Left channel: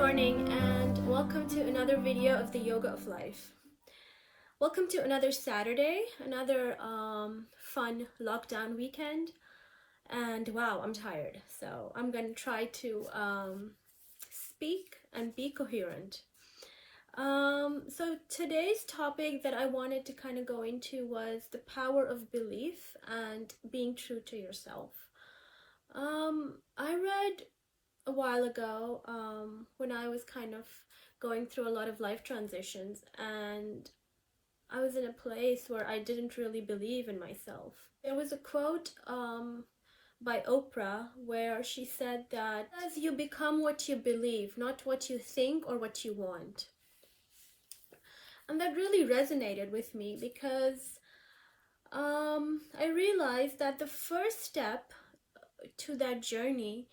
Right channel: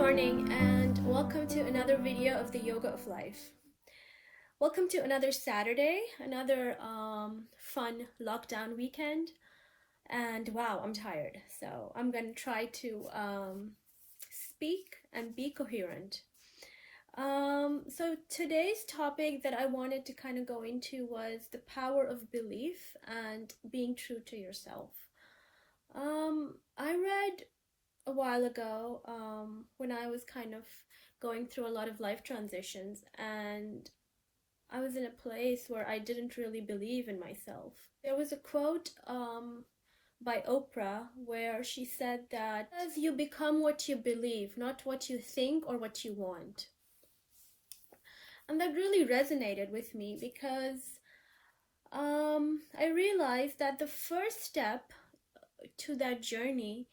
morning and welcome to another video of the Yoga of Life. Welcome to another Saturday, another fun lockdown weekend, and wow, I'm tired, so I'm gonna try to speak and be coherent. So today's topic that I wanted to kind of go into was the power of belief and being true to yourself. I read a while ago when I was kind of going through a lot of life transitions, and I was in a place where I didn't really believe in myself. There was a quote by Oprah where she said that as you become what you believe, not what you think or what you want. And that really resonated with me because I realized that the first step to that journey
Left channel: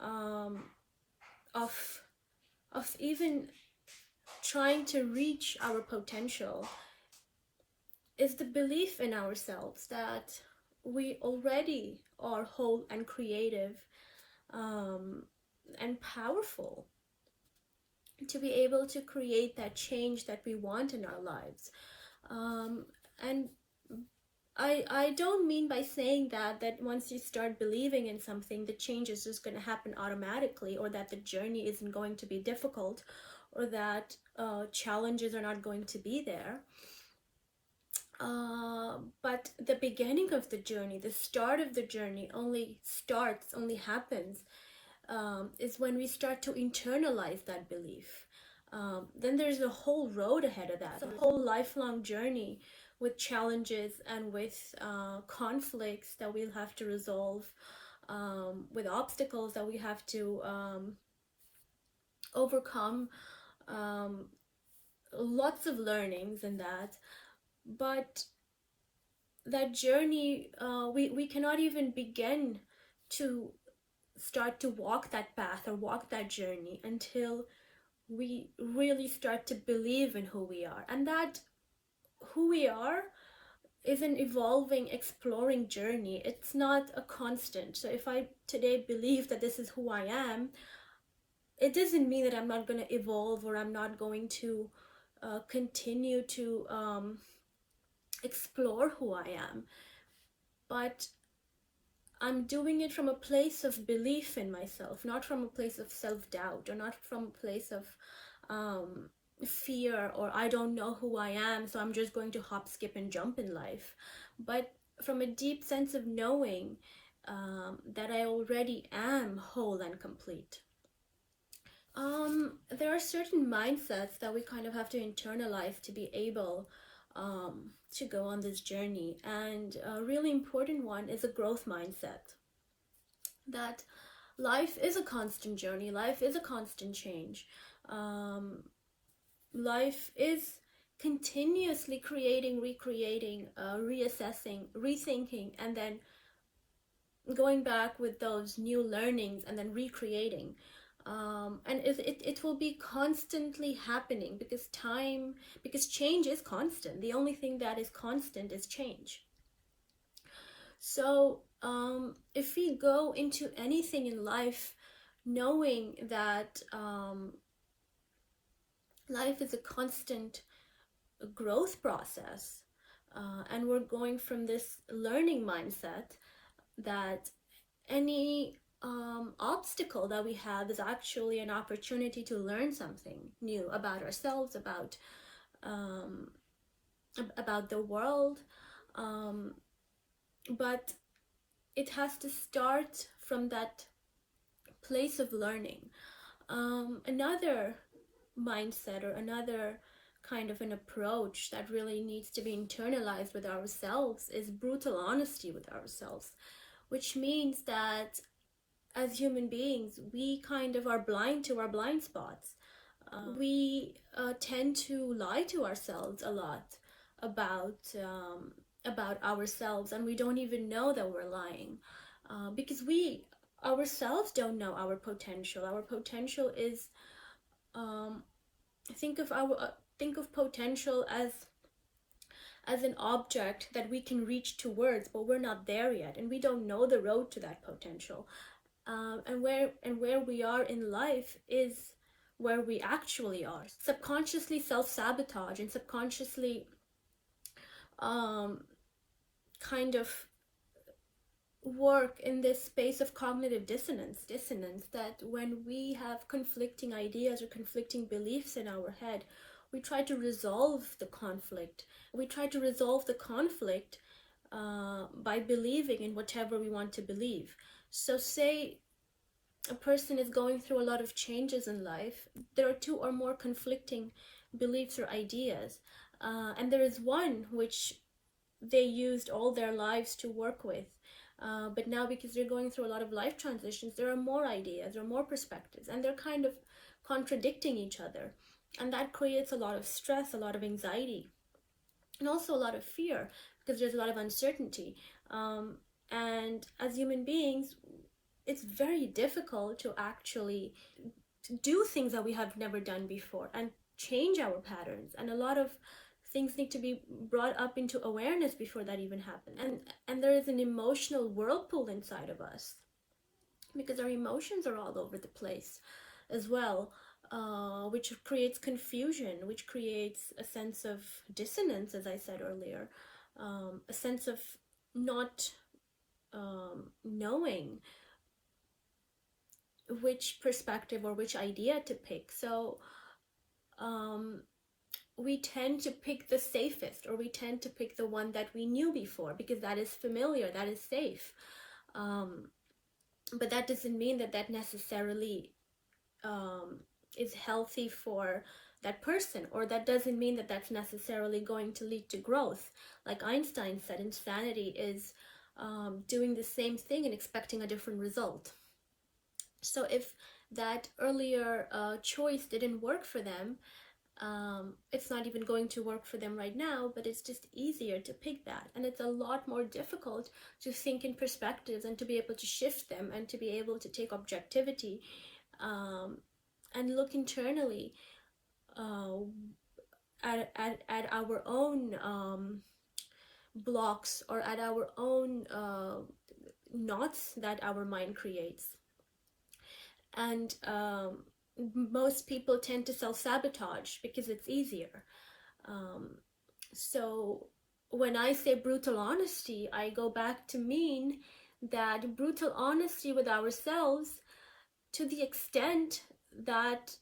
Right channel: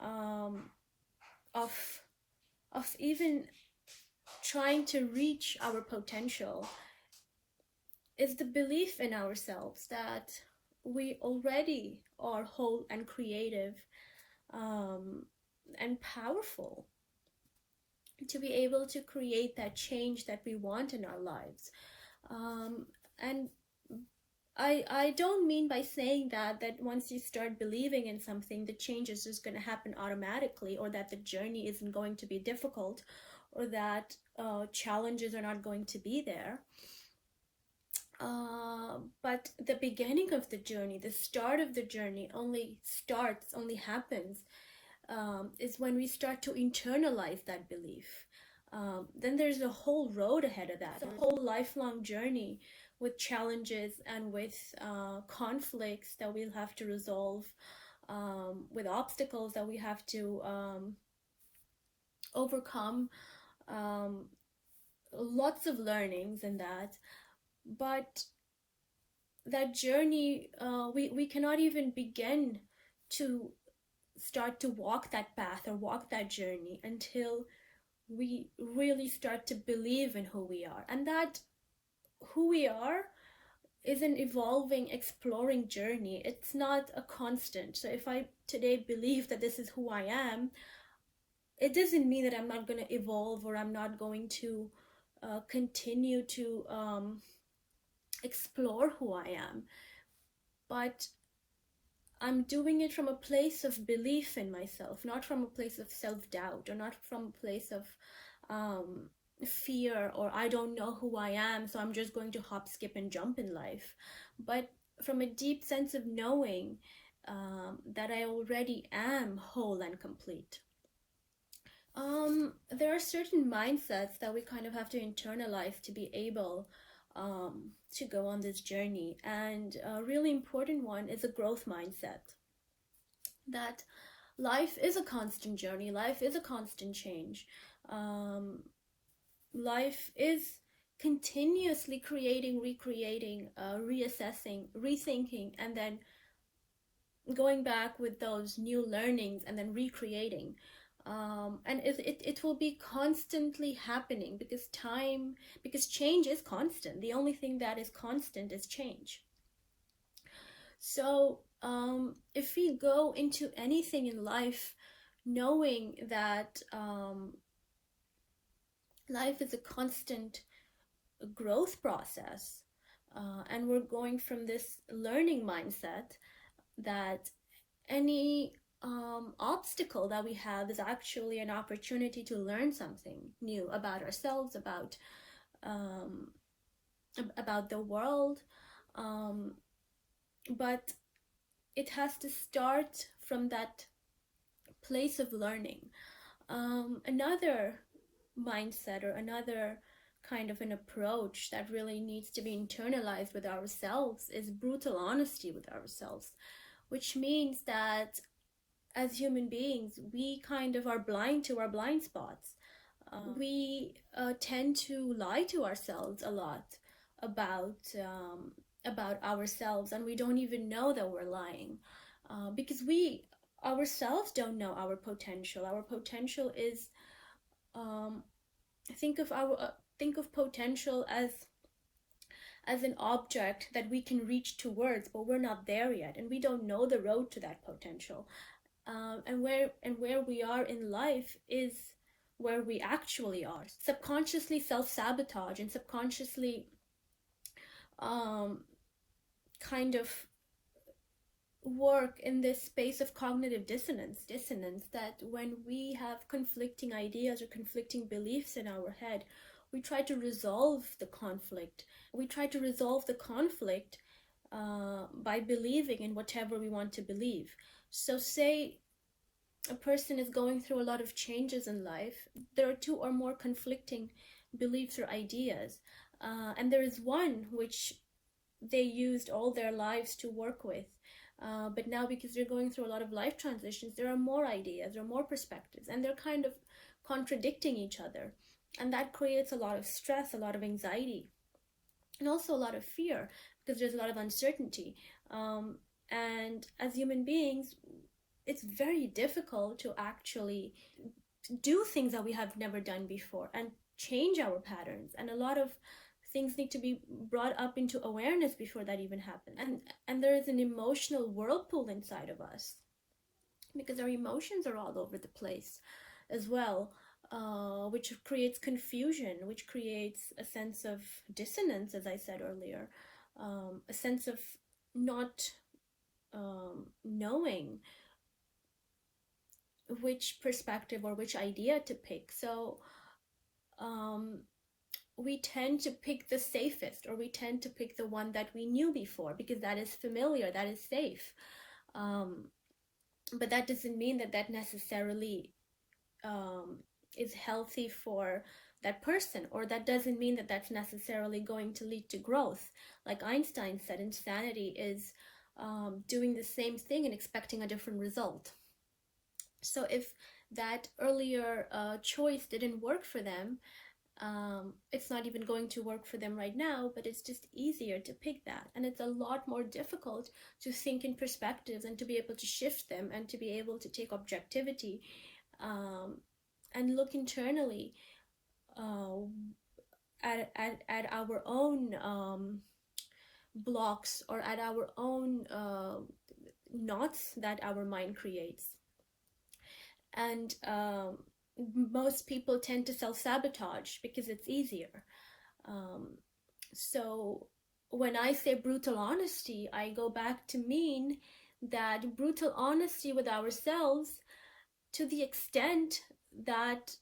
of even trying to reach our potential is the belief in ourselves that we already are whole and creative and powerful to be able to create that change that we want in our lives. And I don't mean by saying that once you start believing in something, the change is just going to happen automatically, or that the journey isn't going to be difficult, or that challenges are not going to be there. But the beginning of the journey, the start of the journey only happens is when we start to internalize that belief. Then there's a whole road ahead of that, a whole lifelong journey with challenges and with conflicts that we'll have to resolve, with obstacles that we have to overcome, lots of learnings in that. But that journey, we cannot even begin to start to walk that path or walk that journey until we really start to believe in who we are. And that who we are is an evolving, exploring journey. It's not a constant. So if I today believe that this is who I am, it doesn't mean that I'm not going to evolve, or I'm not going to continue to explore who I am. But I'm doing it from a place of belief in myself, not from a place of self-doubt, or not from a place of fear, or I don't know who I am, so I'm just going to hop, skip, and jump in life. But from a deep sense of knowing that I already am whole and complete. There are certain mindsets that we kind of have to internalize to be able to go on this journey. And a really important one is a growth mindset. That life is a constant journey, life is a constant change. Life is continuously creating, recreating, reassessing, rethinking, and then going back with those new learnings and then recreating. And it will be constantly happening because change is constant. The only thing that is constant is change. So if we go into anything in life knowing that life is a constant growth process, and we're going from this learning mindset that any obstacle that we have is actually an opportunity to learn something new about ourselves, about the world, but it has to start from that place of learning. Another mindset, or another kind of an approach that really needs to be internalized with ourselves, is brutal honesty with ourselves, which means that as human beings, we kind of are blind to our blind spots. We tend to lie to ourselves a lot about ourselves, and we don't even know that we're lying, because we ourselves don't know our potential. Our potential is think of potential as an object that we can reach towards, but we're not there yet, and we don't know the road to that potential. And where we are in life is where we actually are. Subconsciously self-sabotage and subconsciously kind of work in this space of cognitive dissonance, that when we have conflicting ideas or conflicting beliefs in our head, we try to resolve the conflict. By believing in whatever we want to believe. So say a person is going through a lot of changes in life, there are two or more conflicting beliefs or ideas, and there is one which they used all their lives to work with. But now, because they're going through a lot of life transitions, there are more ideas, there are more perspectives, and they're kind of contradicting each other. And that creates a lot of stress, a lot of anxiety, and also a lot of fear, because there's a lot of uncertainty. And as human beings, it's very difficult to actually do things that we have never done before and change our patterns. And a lot of things need to be brought up into awareness before that even happens. And there is an emotional whirlpool inside of us, because our emotions are all over the place as well, which creates confusion, which creates a sense of dissonance, as I said earlier, a sense of not knowing which perspective or which idea to pick. So we tend to pick the safest, or we tend to pick the one that we knew before, because that is familiar, that is safe. But that doesn't mean that necessarily is healthy for that person, or that doesn't mean that that's necessarily going to lead to growth. Like Einstein said, insanity is doing the same thing and expecting a different result. So if that earlier choice didn't work for them, it's not even going to work for them right now, but it's just easier to pick that. And it's a lot more difficult to think in perspectives and to be able to shift them and to be able to take objectivity and look internally at our own blocks, or at our own knots that our mind creates. And most people tend to self-sabotage because it's easier. So when I say brutal honesty, I go back to mean that brutal honesty with ourselves, to the extent that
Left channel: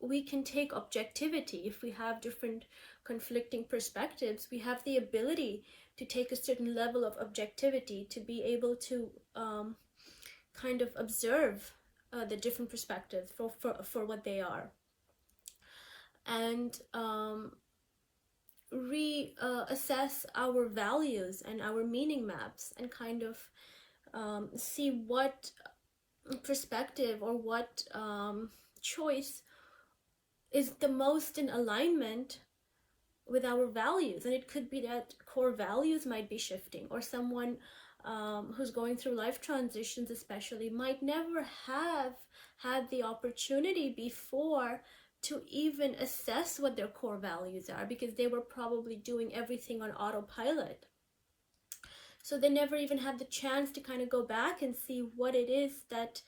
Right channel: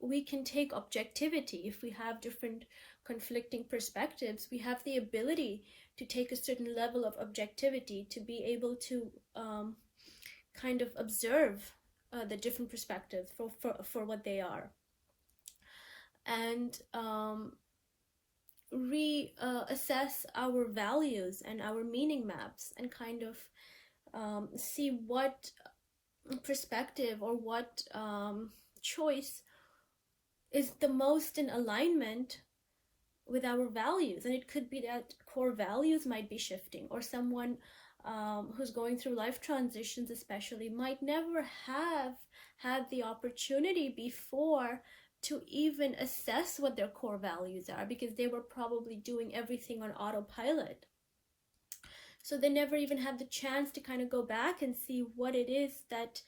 we can take objectivity. If we have different conflicting perspectives, we have the ability to take a certain level of objectivity, to be able to kind of observe the different perspectives for what they are, and reassess our values and our meaning maps, and kind of see what perspective or what choice is the most in alignment with our values. And it could be that core values might be shifting, or someone who's going through life transitions especially might never have had the opportunity before to even assess what their core values are, because they were probably doing everything on autopilot. So they never even had the chance to kind of go back and see what it is that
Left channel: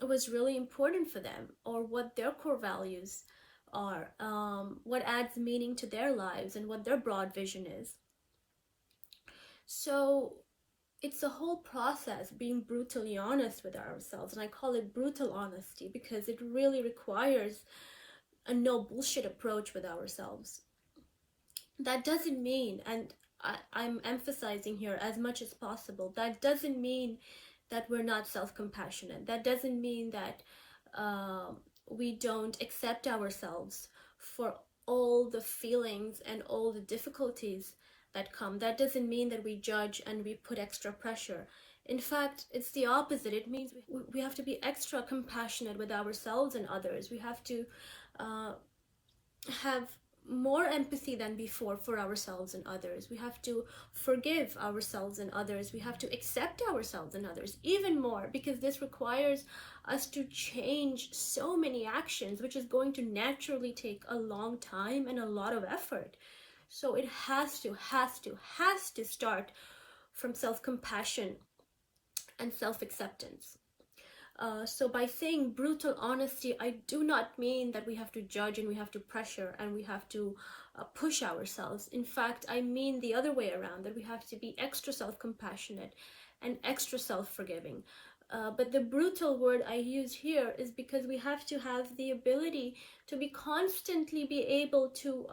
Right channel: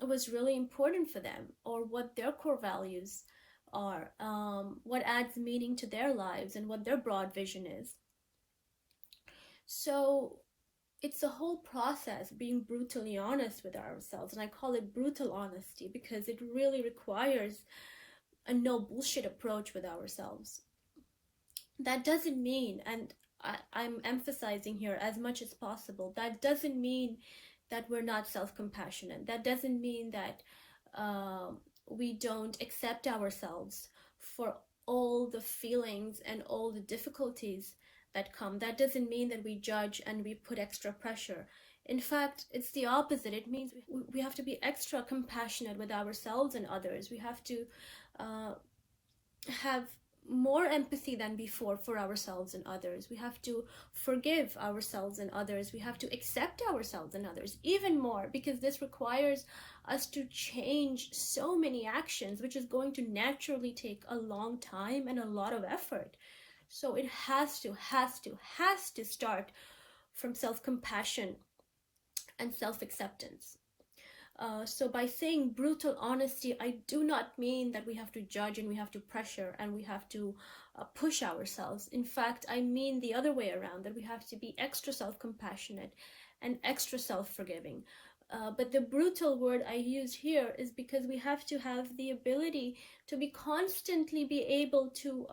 was really important for them, or what their core values are, what adds meaning to their lives, and what their broad vision is. So it's a whole process, being brutally honest with ourselves. And I call it brutal honesty because it really requires a no bullshit approach with ourselves. That doesn't mean, and I'm emphasizing here as much as possible, that doesn't mean that we're not self-compassionate. That doesn't mean that we don't accept ourselves for all the feelings and all the difficulties that come. That doesn't mean that we judge and we put extra pressure. In fact, it's the opposite. It means we have to be extra compassionate with ourselves and others. We have to have more empathy than before for ourselves and others. We have to forgive ourselves and others. We have to accept ourselves and others even more, because this requires us to change so many actions, which is going to naturally take a long time and a lot of effort. So it has to start from self-compassion and self-acceptance. So by saying brutal honesty, I do not mean that we have to judge and we have to pressure and we have to push ourselves. In fact, I mean the other way around, that we have to be extra self-compassionate and extra self-forgiving. But the brutal word I use here is because we have to have the ability to be constantly be able to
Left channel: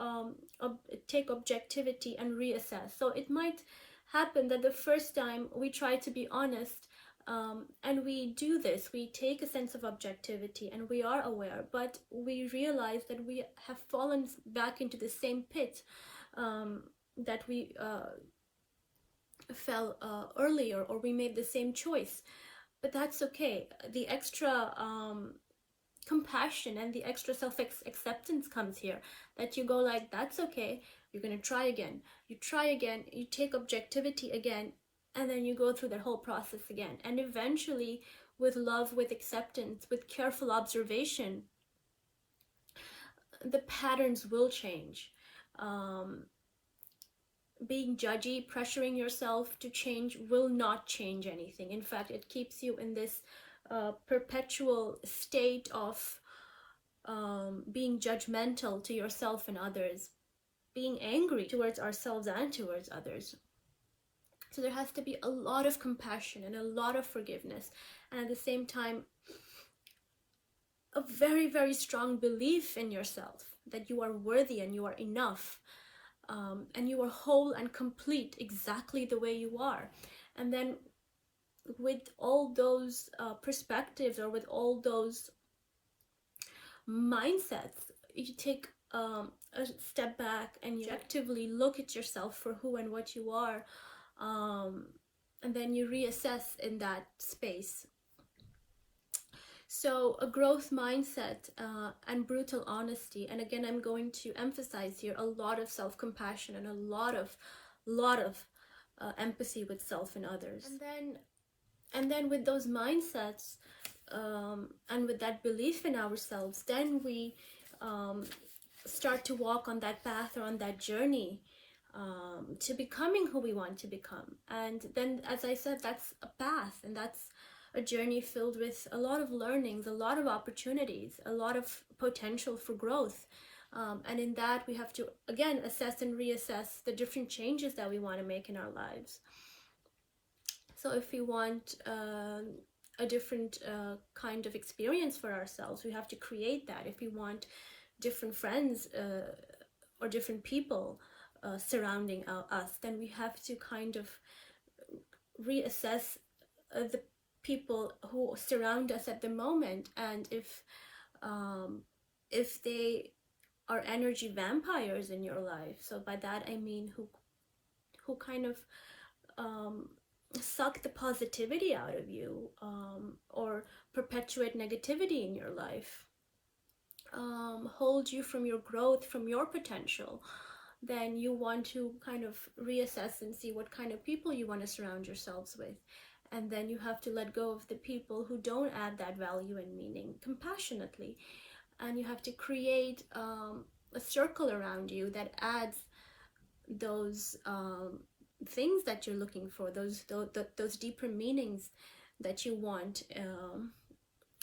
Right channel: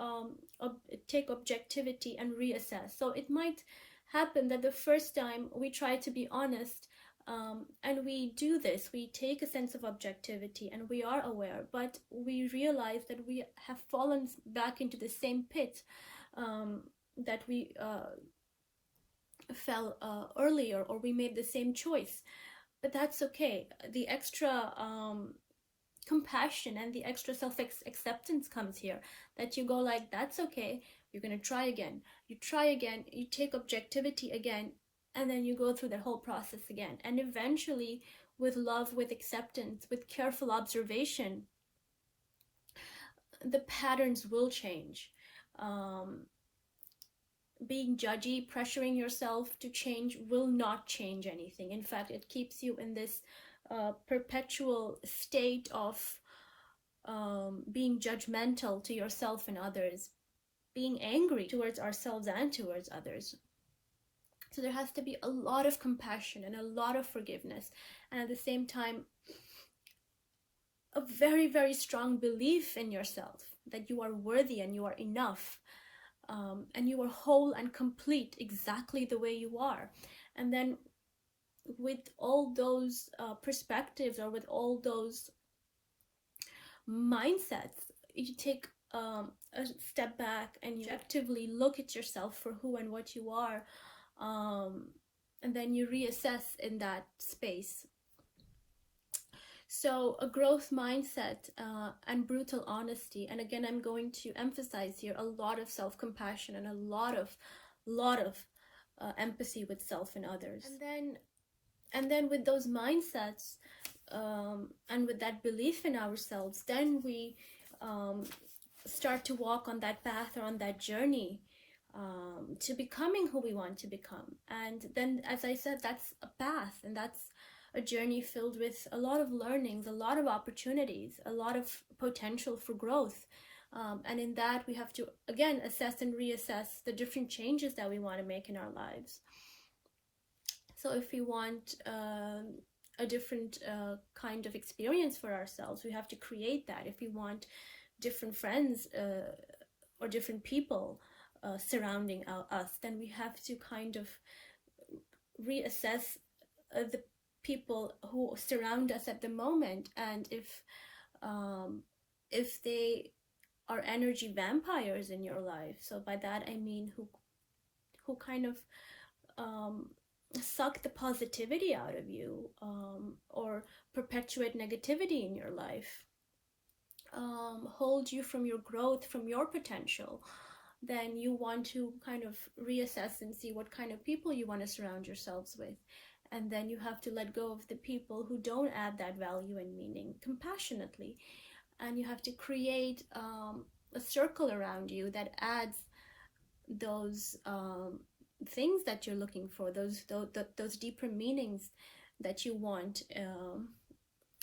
take objectivity and reassess. So it might happen that the first time we try to be honest, and we do this, we take a sense of objectivity and we are aware, but we realize that we have fallen back into the same pit that we fell earlier, or we made the same choice. But that's okay. The extra compassion and the extra self-acceptance comes here, that you go like, that's okay, you're going to try again, you try again, you take objectivity again, and then you go through that whole process again. And eventually, with love, with acceptance, with careful observation, the patterns will change. Being judgy, pressuring yourself to change will not change anything. In fact, it keeps you in this perpetual state of being judgmental to yourself and others, being angry towards ourselves and towards others. So there has to be a lot of compassion and a lot of forgiveness, and at the same time, a very, very strong belief in yourself that you are worthy and you are enough, and you are whole and complete exactly the way you are. And then with all those perspectives, or with all those mindsets, you take a step back and you actively look at yourself for who and what you are, and then you reassess in that space. So a growth mindset and brutal honesty, and again, I'm going to emphasize here a lot of self-compassion and a lot of empathy with self and others. And then with those mindsets and with that belief in ourselves, then we start to walk on that path or on that journey to becoming who we want to become. And then, as I said, that's a path, and that's a journey filled with a lot of learnings, a lot of opportunities, a lot of potential for growth. And in that, we have to, again, assess and reassess the different changes that we want to make in our lives. So if we want a different kind of experience for ourselves, we have to create that. If we want different friends or different people surrounding us, then we have to kind of reassess the people who surround us at the moment, and if they are energy vampires in your life. So by that I mean who kind of suck the positivity out of you, or perpetuate negativity in your life, hold you from your growth, from your potential, then you want to kind of reassess and see what kind of people you want to surround yourselves with. And then you have to let go of the people who don't add that value and meaning compassionately. And you have to create a circle around you that adds those things that you're looking for, those deeper meanings that you want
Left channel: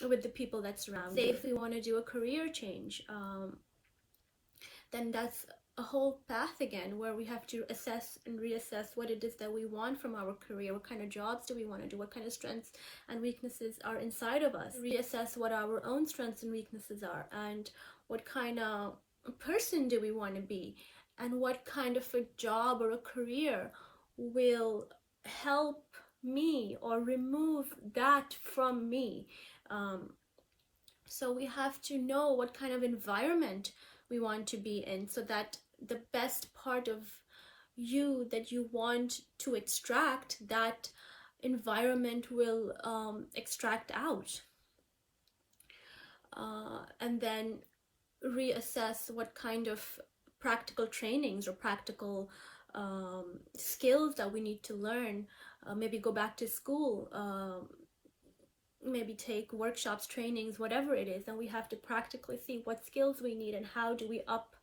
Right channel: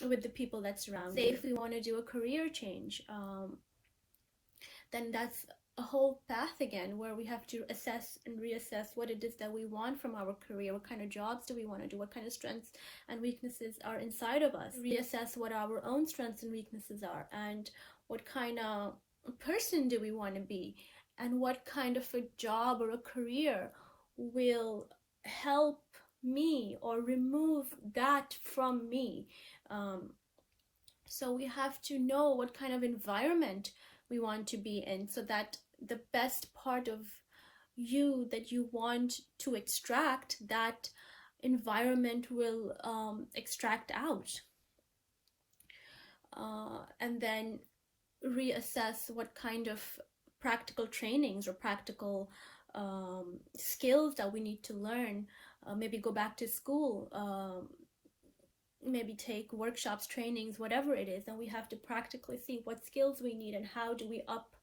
with the people that surround you. Say if we want to do a career change, then that's a whole path again, where we have to assess and reassess what it is that we want from our career. What kind of jobs do we want to do? What kind of strengths and weaknesses are inside of us? Reassess what our own strengths and weaknesses are, and what kind of person do we want to be, and what kind of a job or a career will help me or remove that from me. So we have to know what kind of environment we want to be in, so that the best part of you that you want to extract, that environment will extract out. And then reassess what kind of practical trainings or practical skills that we need to learn. Maybe go back to school, maybe take workshops, trainings, whatever it is, and we have to practically see what skills we need and how do we up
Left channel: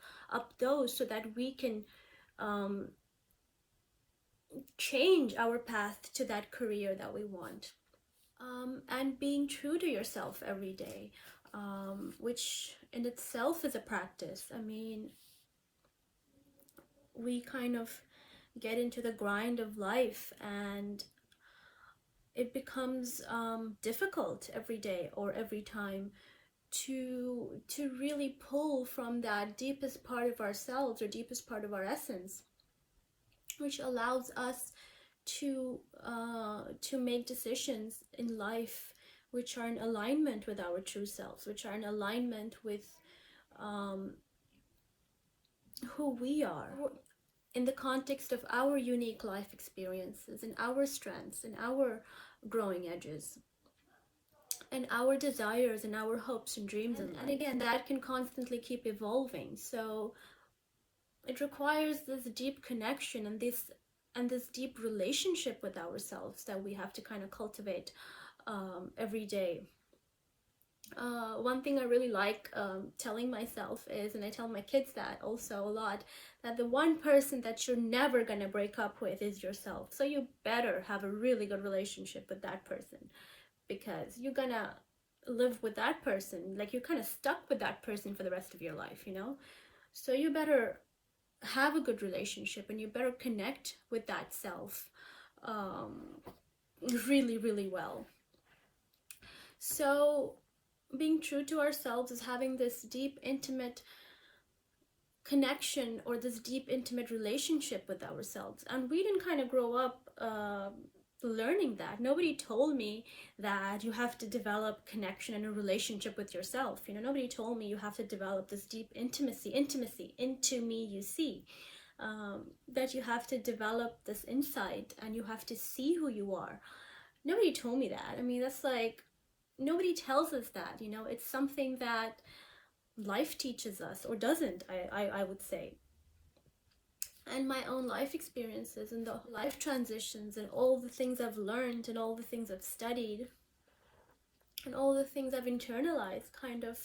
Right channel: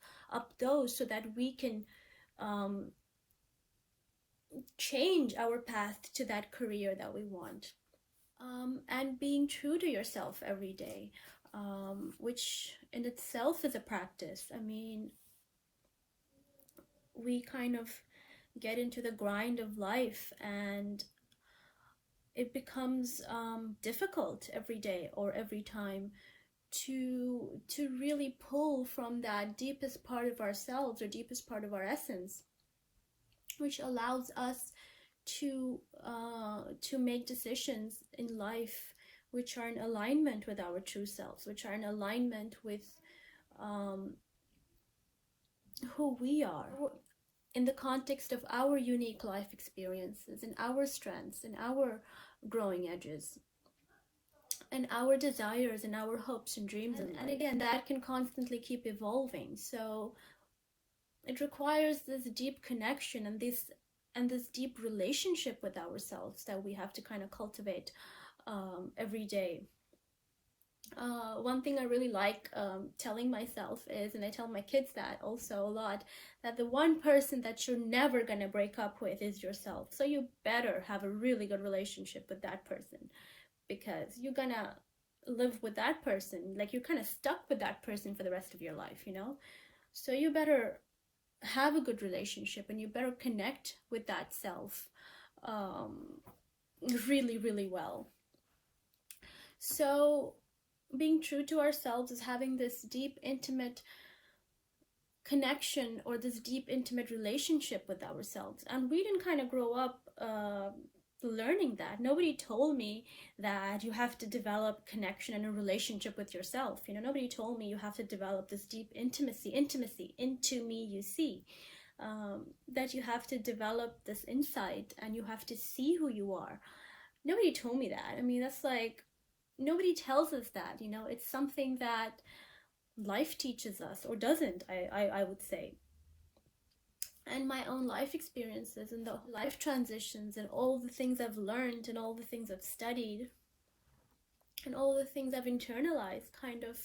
those, so that we can change our path to that career that we want. and being true to yourself every day, which in itself is a practice. I mean, we kind of get into the grind of life, and it becomes difficult every day or every time to really pull from that deepest part of ourselves or deepest part of our essence, which allows us to make decisions in life which are in alignment with our true selves, which are in alignment with um, who we are in the context of our unique life experiences and our strengths and our growing edges and our desires and our hopes and dreams. And again, that can constantly keep evolving. So it requires this deep connection and this deep relationship with ourselves that we have to kind of cultivate every day. One thing I really like telling myself is, and I tell my kids that also a lot, that the one person that you're never going to break up with is yourself. So you better have a really good relationship with that person, because you're going to live with that person. Like, you're kind of stuck with that person for the rest of your life, you know? So you better have a good relationship, and you better connect with that self really, really well. So being true to ourselves is having this deep, intimate connection or this deep, intimate relationship with ourselves. And we didn't kind of grow up learning that. Nobody told me that you have to develop connection and a relationship with yourself. You know, nobody told me you have to develop this deep intimacy, into me you see. That you have to develop this insight and you have to see who you are. Nobody told me that. I mean, that's like, nobody tells us that, you know. It's something that life teaches us, or doesn't, I would say. And my own life experiences and the life transitions and all the things I've learned and all the things I've studied and all the things I've internalized kind of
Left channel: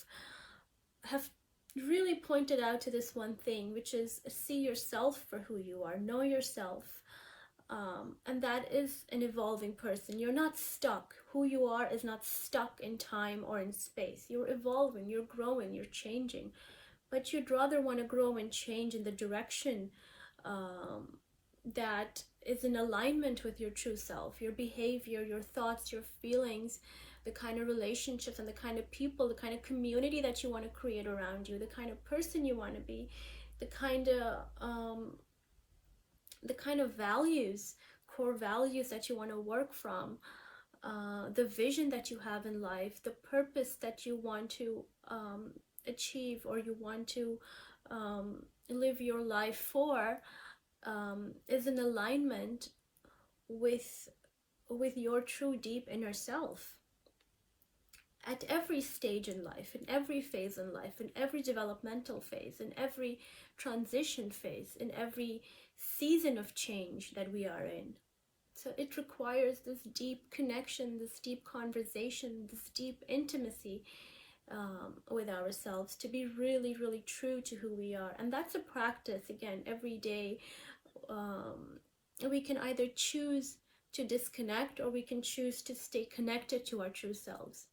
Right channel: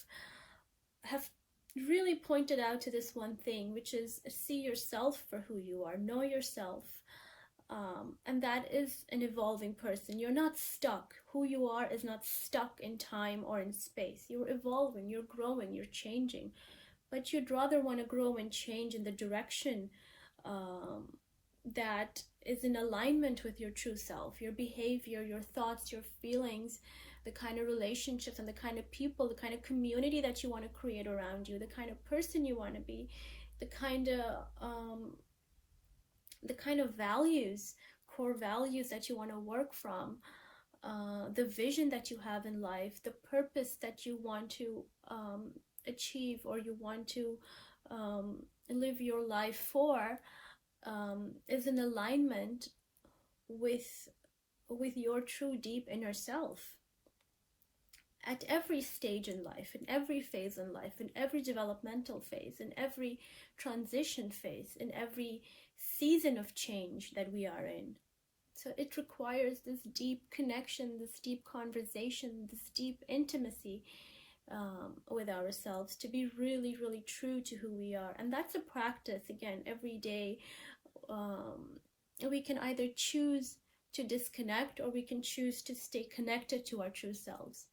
have really pointed out to this one thing, which is see yourself for who you are, know yourself. And that is an evolving person. You're not stuck. Who you are is not stuck in time or in space. You're evolving, you're growing, you're changing. But you'd rather want to grow and change in the direction that is in alignment with your true self, your behavior, your thoughts, your feelings, the kind of relationships and the kind of people, the kind of community that you want to create around you, the kind of person you want to be, the kind of values, core values that you want to work from, the vision that you have in life, the purpose that you want to achieve or you want to live your life for, is in alignment with your true deep inner self. At every stage in life, in every phase in life, in every developmental phase, in every transition phase, in every season of change that we are in. So it requires this deep connection, this deep conversation, this deep intimacy with ourselves to be really, really true to who we are. And that's a practice, again, every day. We can either choose to disconnect or we can choose to stay connected to our true selves.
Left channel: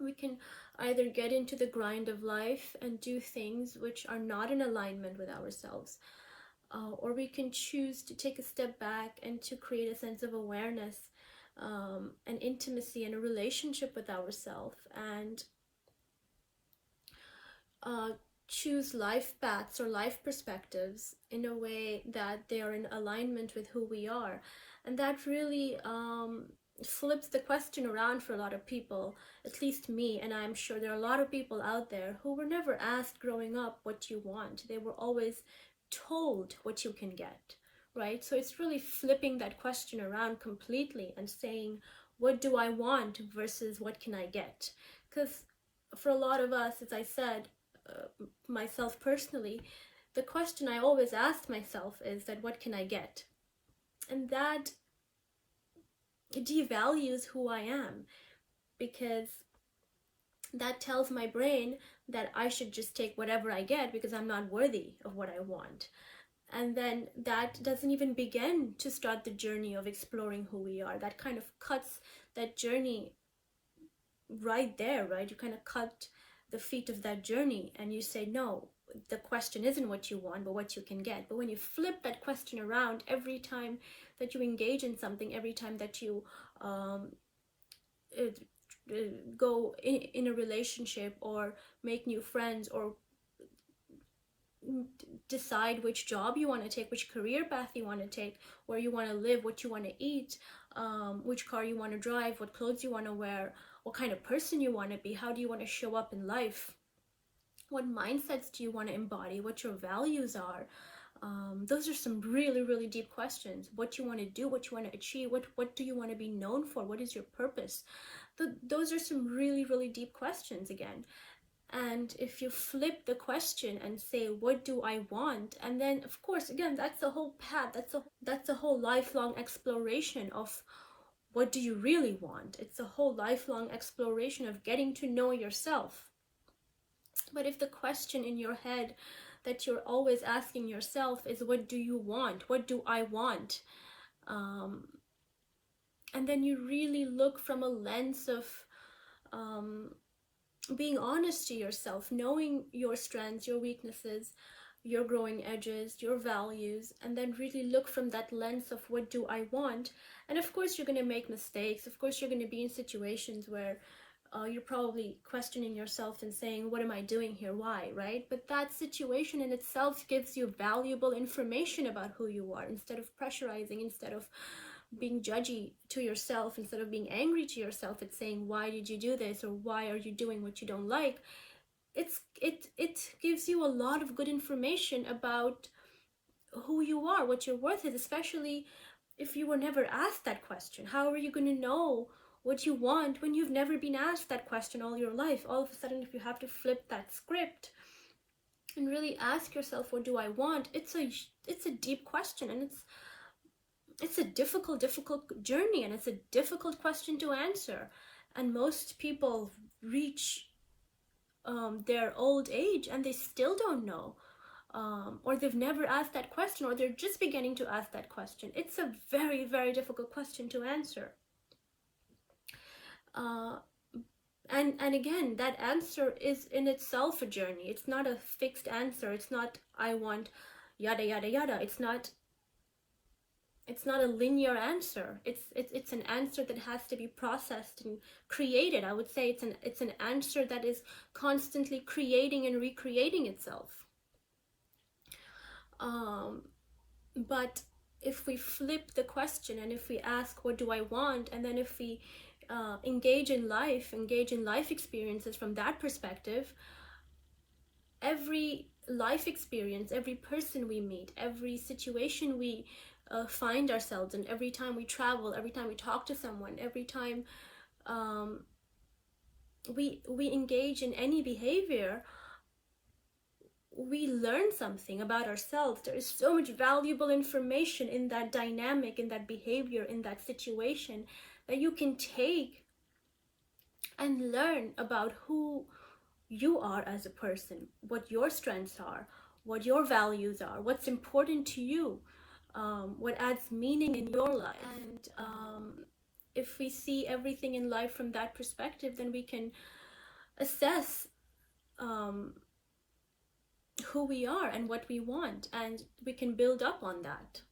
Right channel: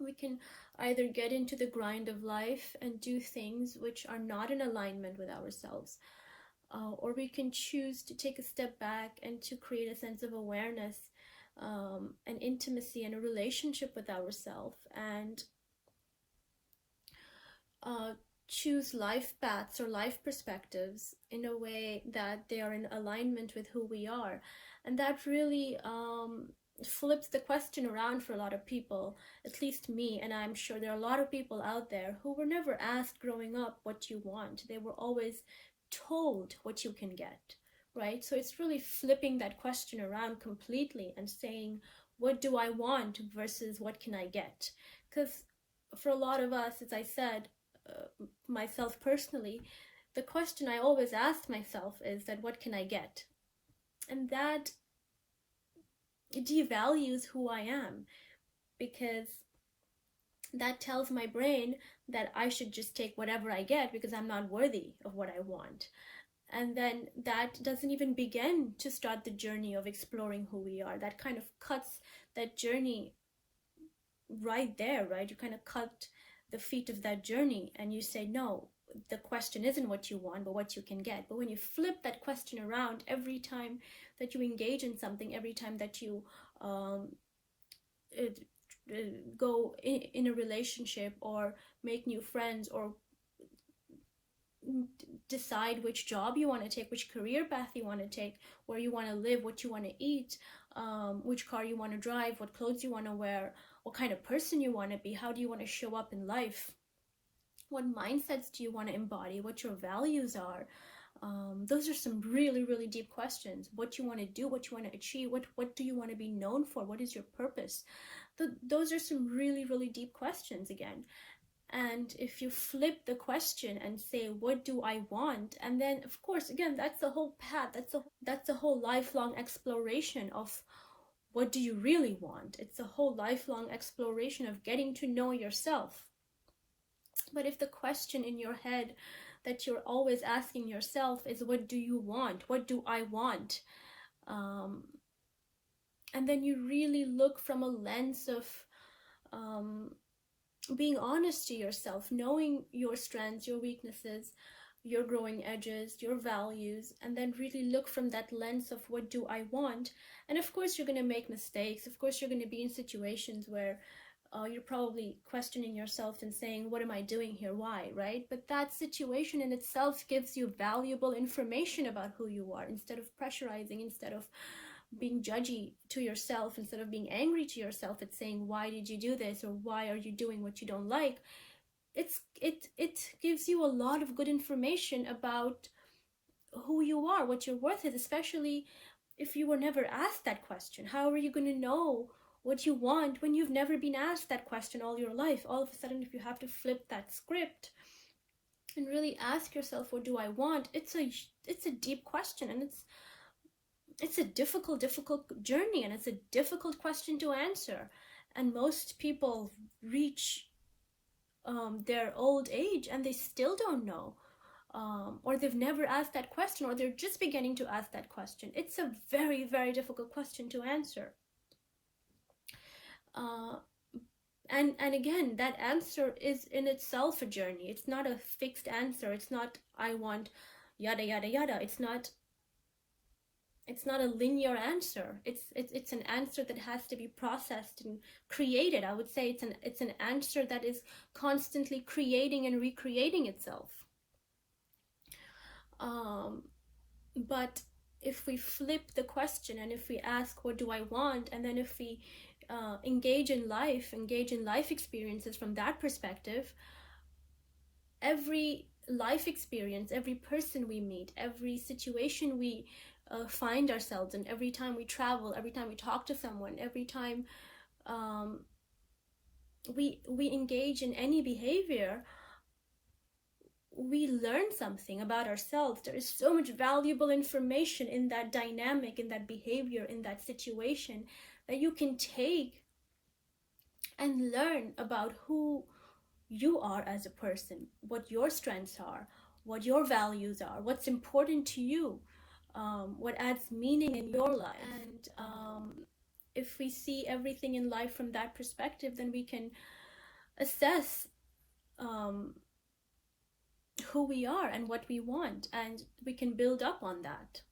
We can either get into the grind of life and do things which are not in alignment with ourselves, or we can choose to take a step back and to create a sense of awareness, and intimacy and a relationship with ourselves, and choose life paths or life perspectives in a way that they are in alignment with who we are. And that really flips the question around for a lot of people, at least me, and I'm sure there are a lot of people out there who were never asked growing up what you want. They were always told what you can get, right? So it's really flipping that question around completely and saying, what do I want versus what can I get? Because for a lot of us, as I said, myself personally, the question I always ask myself is that what can I get? And that devalues who I am, because that tells my brain that I should just take whatever I get because I'm not worthy of what I want. And then that doesn't even begin to start the journey of exploring who we are. That kind of cuts that journey right there, right? You kind of cut the feet of that journey and you say, no, the question isn't what you want, but what you can get. But when you flip that question around every time that you engage in something, every time that you go in a relationship or make new friends or decide which job you want to take, which career path you want to take, where you want to live, what you want to eat, which car you want to drive, what clothes you want to wear, what kind of person you want to be, how do you want to show up in life, what mindsets do you want to embody, what your values are. Those are some really, really deep questions. What you want to do, what you want to achieve, what do you want to be known for, what is your purpose. Those are some really, really deep questions again. And if you flip the question and say, what do I want? And then, of course, again, that's the whole path. That's a whole lifelong exploration of what do you really want? It's a whole lifelong exploration of getting to know yourself. But if the question in your head that you're always asking yourself is, what do you want? What do I want? And then you really look from a lens of being honest to yourself, knowing your strengths, your weaknesses, your growing edges, your values, and then really look from that lens of what do I want. And of course you're going to make mistakes. Of course you're going to be in situations where you're probably questioning yourself and saying, what am I doing here? Why? Right? But that situation in itself gives you valuable information about who you are. Instead of pressurizing, instead of being judgy to yourself, instead of being angry to yourself, it's saying, why did you do this? Or why are you doing what you don't like? It gives you a lot of good information about who you are, what your worth is, especially if you were never asked that question. How are you going to know what you want when you've never been asked that question all your life? All of a sudden, if you have to flip that script and really ask yourself, what do I want? It's a deep question, and it's a difficult journey, and it's a difficult question to answer. And most people reach their old age and they still don't know, or they've never asked that question, or they're just beginning to ask that question. It's a very, very difficult question to answer. And again, that answer is in itself a journey. It's not a fixed answer. It's not, I want yada yada yada. It's not a linear answer. It's an answer that has to be processed and created. I would say it's an answer that is constantly creating and recreating itself. But if we flip the question and if we ask, what do I want? And then if we engage in life experiences from that perspective, every life experience, every person we meet, every situation we find ourselves in, every time we travel, every time we talk to someone, every time we engage in any behavior, we learn something about ourselves. There is so much valuable information in that dynamic, in that behavior, in that situation, that you can take and learn about who you are as a person, what your strengths are, what your values are, what's important to you, what adds meaning in your life. And if we see everything in life from that perspective, then we can assess who we are and what we want, and we can build up on that.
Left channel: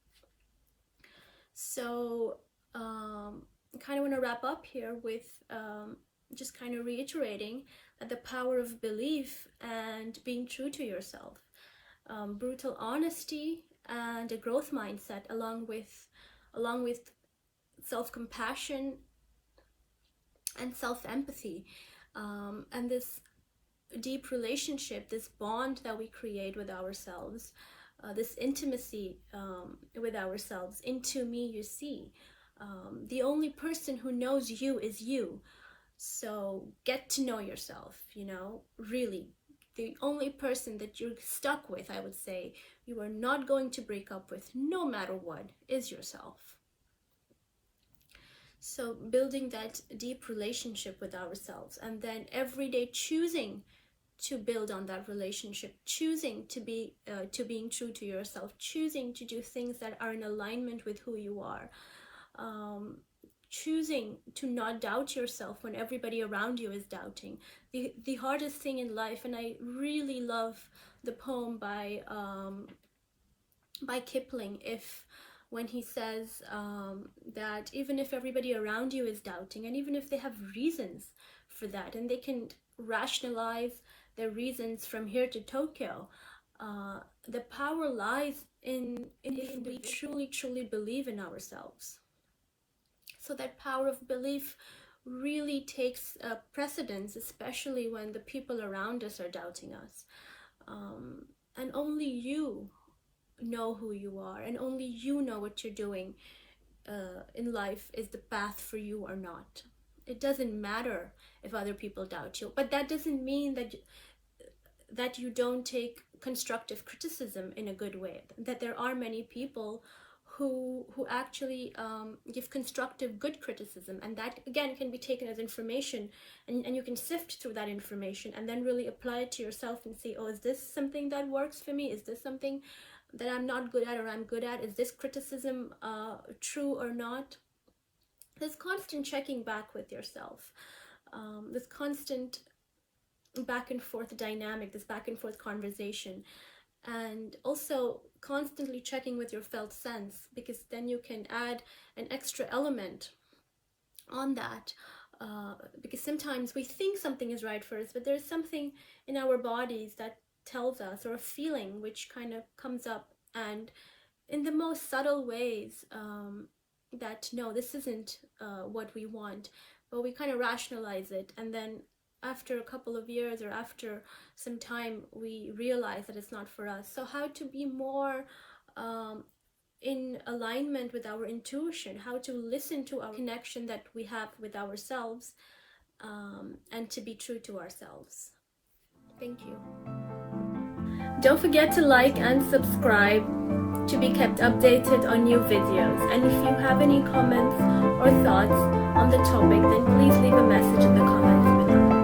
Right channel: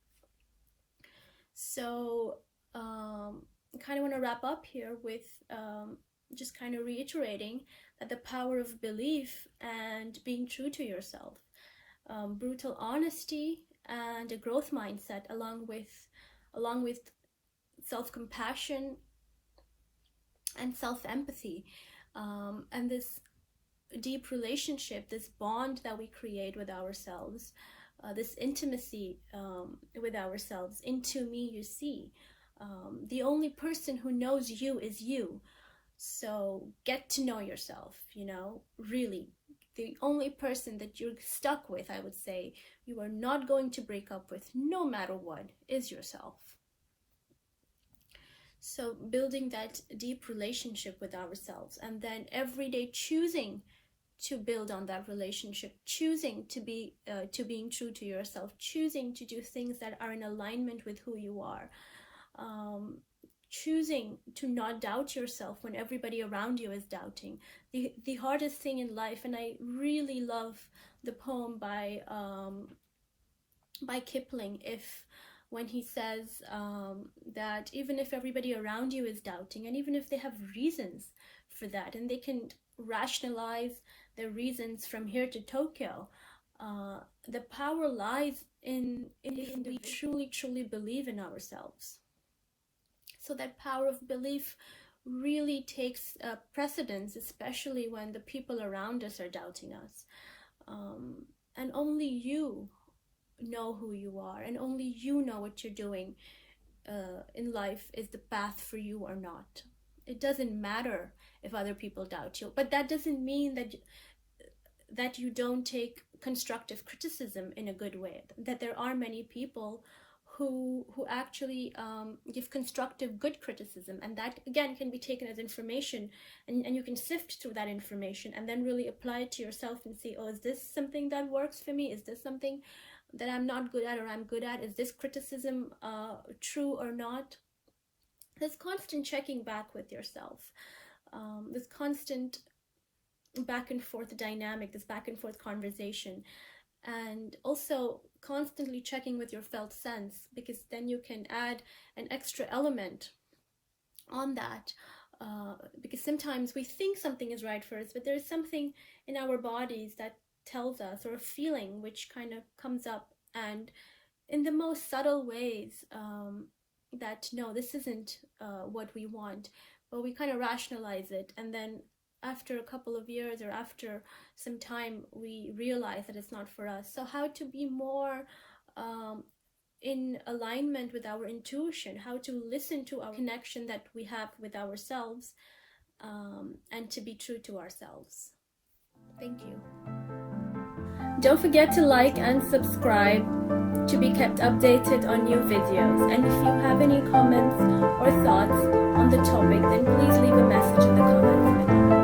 So I kind of want to wrap up here with just kind of reiterating that the power of belief and being true to yourself, brutal honesty and a growth mindset, along with self-compassion and self-empathy, and this deep relationship, this bond that we create with ourselves, this intimacy with ourselves. Into me you see. The only person who knows you is you. So get to know yourself, really. The only person that you're stuck with, I would say, you are not going to break up with, no matter what, is yourself. So building that deep relationship with ourselves, and then every day choosing to build on that relationship, choosing to be to being true to yourself, choosing to do things that are in alignment with who you are, choosing to not doubt yourself when everybody around you is doubting. The hardest thing in life, and I really love the poem by Kipling, when he says that even if everybody around you is doubting, and even if they have reasons for that, and they can rationalize their reasons from here to Tokyo, the power lies in if we truly believe in ourselves. So that power of belief really takes precedence, especially when the people around us are doubting us. And only you know who you are, and only you know what you're doing in life is the path for you or not. It doesn't matter if other people doubt you, but that doesn't mean that you don't take constructive criticism in a good way. That there are many people who actually give constructive good criticism, and that again can be taken as information, and you can sift through that information and then really apply it to yourself and see, oh, is this something that works for me? Is this something that I'm not good at or I'm good at? Is this criticism true or not? This constant checking back with yourself, this constant back and forth dynamic, this back and forth conversation, and also constantly checking with your felt sense, because then you can add an extra element on that, because sometimes we think something is right for us, but there's something in our bodies that tells us, or a feeling which kind of comes up, and in the most subtle ways, that no, this isn't what we want, but we kind of rationalize it, and then after a couple of years or after some time we realize that it's not for us. So how to be more in alignment with our intuition, how to listen to our connection that we have with ourselves, and to be true to ourselves. Thank you. Don't forget to like and subscribe to be kept updated on new videos. And if you have any comments or thoughts on the topic, then please leave a message in the comments below.